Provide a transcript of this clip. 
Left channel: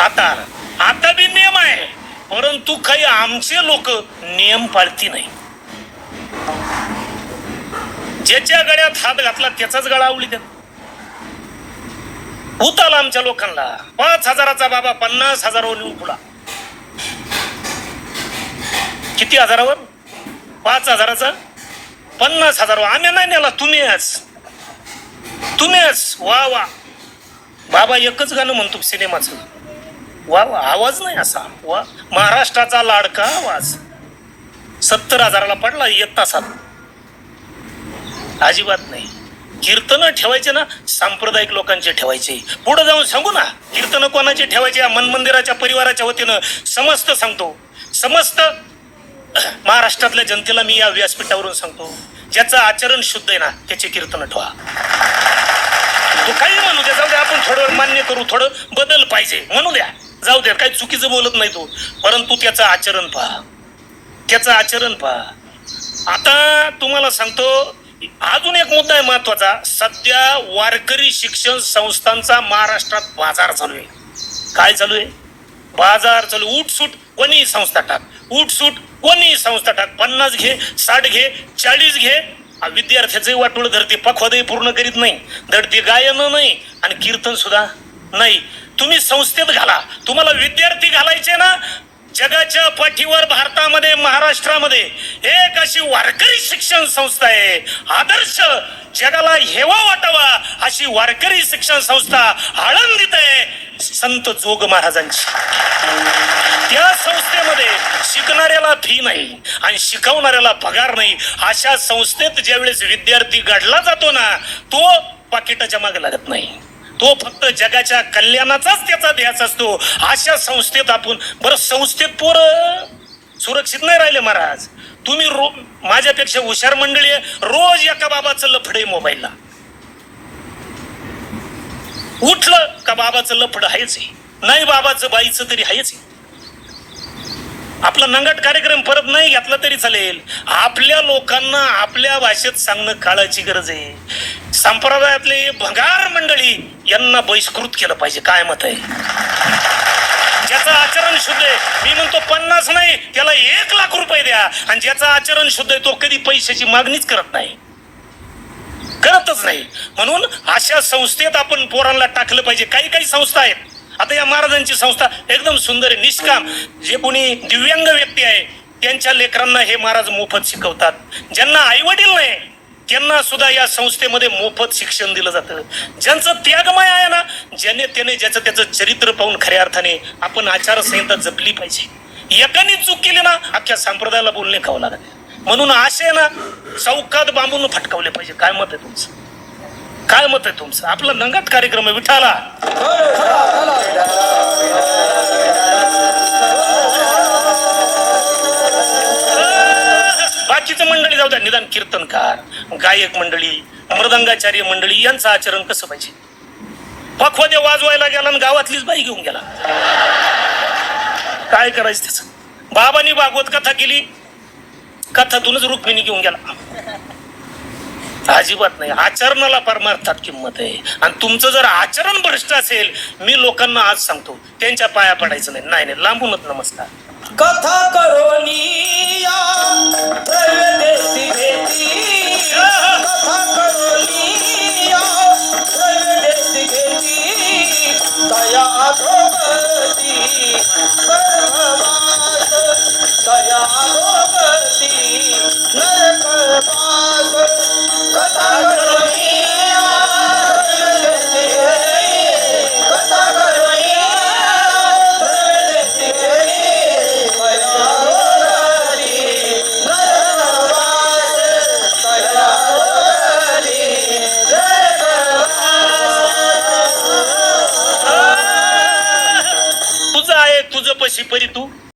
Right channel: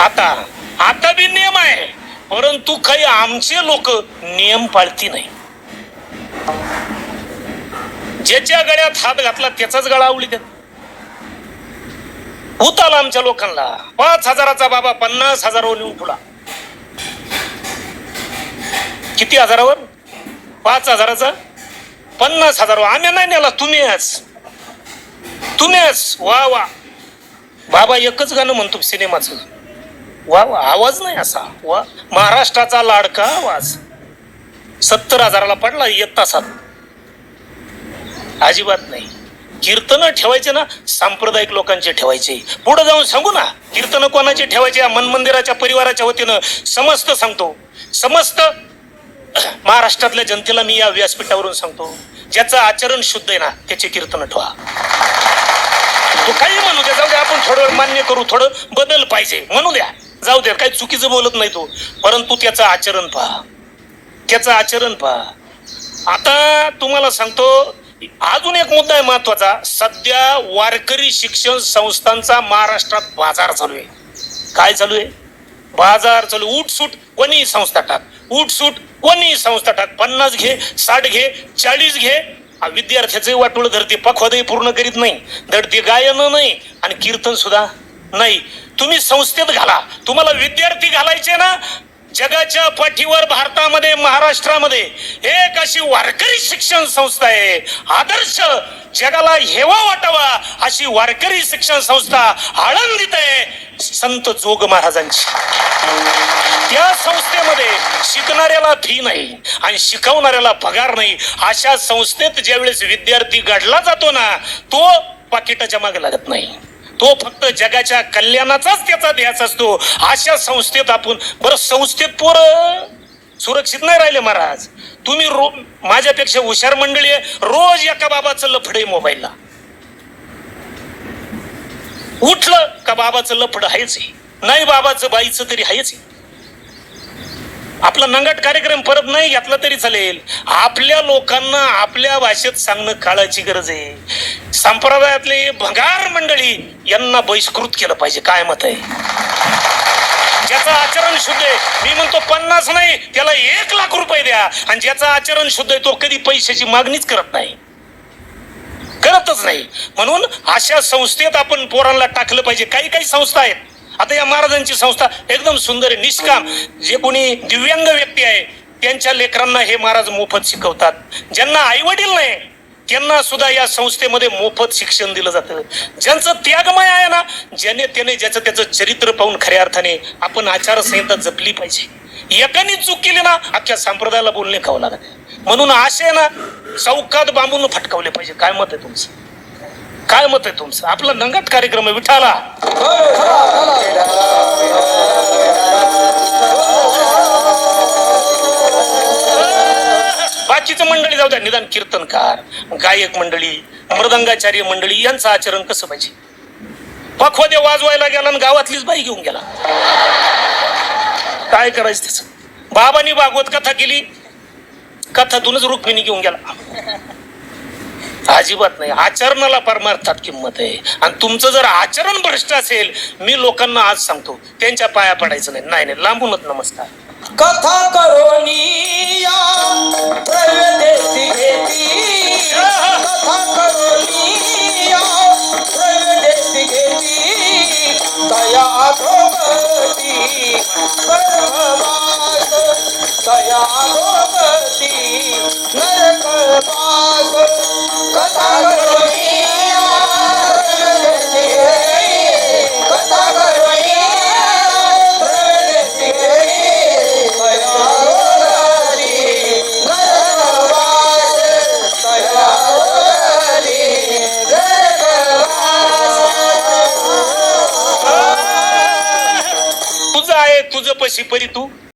आता आता बी नियम आहे. परंतु काही आमचे लोक नियम पाळती नाही. ज्याच्या गळ्यात हात घातला त्याचाच गळा आवली देत उताला आमच्या लोकांना. पाच हजाराचा बाबा पन्नास हजारावर नेऊन पुढा किती हजारावर? पाच हजाराचा? पन्नास हजारावर. आम्ही नाही नेला तुम्ही यास तुम्ही तुम्हीच वा वा. बाबा एकच गाणं म्हणतो सिनेमाचं. वा वा आवाज नाही असा. वा महाराष्ट्राचा लाडका आवाज. सत्तर हजाराला पडला एक सात अजिबात नाही. कीर्तन ठेवायचे ना सांप्रदायिक लोकांचे ठेवायचे. पुढे जाऊन सांगू ना कीर्तन कोणाचे ठेवायचे? मन मनमंदिराच्या परिवाराच्या वतीनं समस्त सांगतो. समस्त महाराष्ट्रातल्या जनतेला मी या व्यासपीठावरून सांगतो. ज्याचं आचरण शुद्ध आहे ना त्याचे कीर्तन ठेवा. तो काही म्हणू द्या जाऊ द्या आपण थोडं मान्य करू थोडं बदल पाहिजे. म्हणू द्या. जाऊ द्या काही चुकीचं बोलत नाही तो. परंतु त्याचं आचरण पहा. त्याचं आचरण पहा. आता तुम्हाला सांगतो अजून एक मुद्दा आहे महत्त्वाचा सध्या वारकरी शिक्षण संस्थांचा महाराष्ट्रात बाजार चालू आहे. काय चालू आहे? बाजार चालू. उठसूट कोणीही संस्था टाक. उठसूट कोणीही संस्था टाक. पन्नास घे साठ घे चाळीस घे. विद्यार्थ्याचे वाटोळ धरते. पखवादही पूर्ण करीत नाही. धडते गायन नाही. आणि कीर्तन सुद्धा नाही. तुम्ही संस्थेत घाला. तुम्हाला विद्यार्थी घालायचे ना जगाच्या पाठीवर भारतामध्ये महाराष्ट्रामध्ये एक अशी वारकरी शिक्षण संस्था आहे. आदर्श जगाला हेवा वाटावा अशी वारकरी शिक्षण संस्था आळंदीत आहे. संत जोग महाराजांची. त्या संस्थेमध्ये शिकणाऱ्याला फी नाही आणि शिकवणाऱ्याला पगार नाही. अशा संस्थेत ज्यावेळेस विद्यार्थी घडला जातो ना तो पाकिटाच्या मागे लागत नाही. तो फक्त जगाच्या कल्याणाचाच त्याचा ध्यास असतो. अशा संस्थेत आपण बरं संस्थेत पोर सुरक्षित नाही राहिले महाराज. तुम्ही रो माझ्यापेक्षा हुशार मंडळी रोज एका बाबाचं लफडे मोबाईलला. उठलं का बाबाचं लफड आहेच आहे. नाही बाबाचं बाईचं तरी आहेच आहे. आपला नंगट कार्यक्रम परत नाही घेतला तरी चालेल. आपल्या लोकांना आपल्या भाषेत सांगणं काळाची गरज आहे. संप्रदायातले भंगार मंडळी यांना बहिष्कृत केलं पाहिजे काय मत आहे? ज्याचं आचरण शुद्ध आहे मी म्हणतो पन्नास नाही त्याला एक लाख रुपये द्या. आणि ज्याचं आचरण शुद्ध आहे तो कधी पैशाची मागणीच करत नाही. करतच नाही. म्हणून अशा संस्थेत आपण पोरांना टाकलं पाहिजे. काही काही संस्था आहेत. आता या महाराजांची संस्था एकदम सुंदर आहे निष्काम. जे कोणी दिव्यांग व्यक्ती आहे त्यांच्या लेकरांना हे महाराज मोफत शिकवतात. ज्यांना आई वडील नाही त्यांना सुद्धा या संस्थेमध्ये मोफत शिक्षण दिलं जातं. ज्यांचं त्यागमय आहे ना ज्याने त्याने ज्याचं त्याचं चरित्र पाहून खऱ्या अर्थाने आपण आचारसंहिता जपली पाहिजे. एकाने चूक केली ना अख्ख्या संप्रदायाला बोलणे खावं लागत म्हणून असे ना चौकात बांबून फटकावले पाहिजे. काय मत आहे तुमचं? काय मत आहे तुमचं? आपला नंगट कार्यक्रम आहे विठाला हो, जाऊ द्या निदान कीर्तनकार गायक मंडळी मृदंगाचार्य मंडळी यांचं आचरण कसं पाहिजे? पखवादे वाजवायला गेला आणि गावातलीच बाई घेऊन गेला. काय करायचं त्याच? बाबांनी भागवत कथा केली कथातूनच रुक्मिणी घेऊन गेला. अजिबात नाही आचरणाला परमार्थात किंमत आहे. आणि तुमचं जर आचरण भ्रष्ट असेल मी लोकांना आज सांगतो त्यांच्या पाया पडायचं नाही. नाही नाही लांबूनच नमस्कार. कथा करोनी दया तया भोगती गर्भवास तया भोगती तुझं आहे तुझं पशी परी तू